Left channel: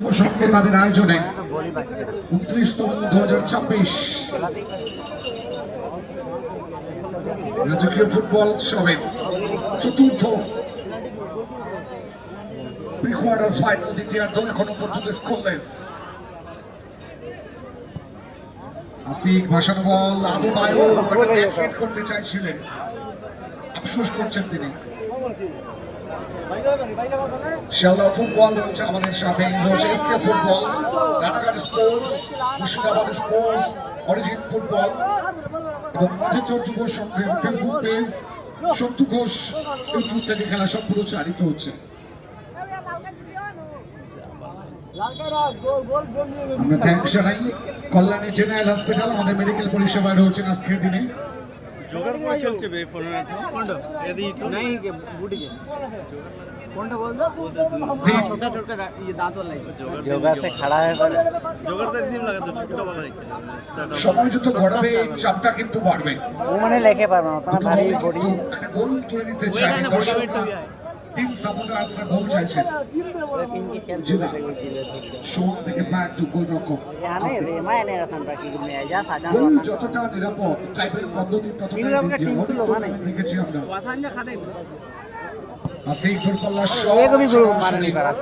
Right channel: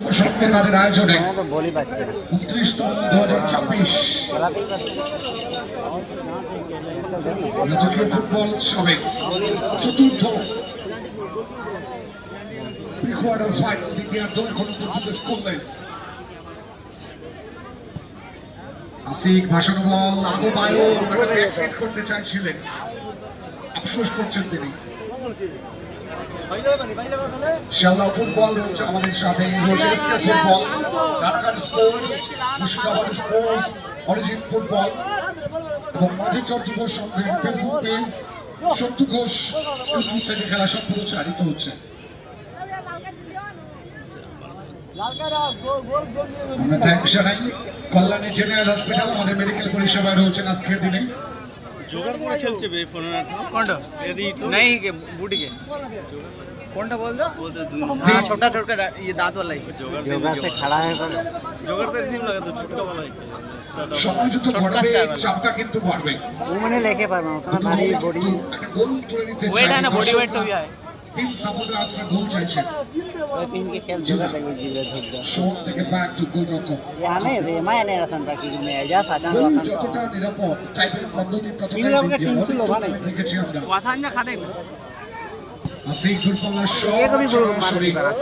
সঙ্গে তাদের আয়োজনে 29তম 2026 রাজকীয় ফুটবল উৎসবের চতুর্থ প্রি-কোয়ার্টার ফাইনাল দ্বিতীয় দল এখনো পর্যন্ত স্কোরলেস। আসিক ভাসানো বল আদবায়ু করতে চাইছিলেন, আফসোস করছেন তিনি। শিয়ালদহ ফুটবল রয়েছে আমাদের সাথে, রয়েছে SK football, Ranaghat sports, Murshidabad sports, origin football এবং মাঝেচর যুব সংঘের Facebook page, Santu Ghosh YouTube থেকে খেলা সব প্রচারিত হচ্ছে। আমরা থ্যাংকস জানাই কল্যাণী জেনারেল হসপিটাল, আমাদের মেডিকেল পরিষেবায় রয়েছেন আজকের দিনে। जोगर করে চলছে বে ফোন না কোনটা এদি नहीं के बूटी के কোনটা বল দो हां छोटा छोटा ये दांत वाला ही जोगर से खड़ा है पर जोगर तो रिदम लगा तो छुटका वाला है সময় যত বাড়বে চাপটা কিন্তু বাড়বে। ও মানে লেখে পারবে না ওটা ভারী বডি একটা গোল তুলে নিতে চাই, ওয়েট है ना बॉडी वेट तो है তিন সাপোর্টার আসলে গোল চাইছে। तीन के खेल জিনা শোন থেকে ব্যাক টু গোলরক্ষক, याने रे माने रतन ताकि में जा साजा গোল रतन যতটা নিরাপদ টাইপের পদ্ধতি ততটাই মিনিমামকে বিদ্যমান। 300 লোভা নেই। দেখেছি আমরা वाथान ना खा देंगे আসিক ফুটবলার एक भी गोल मार नहीं पारा।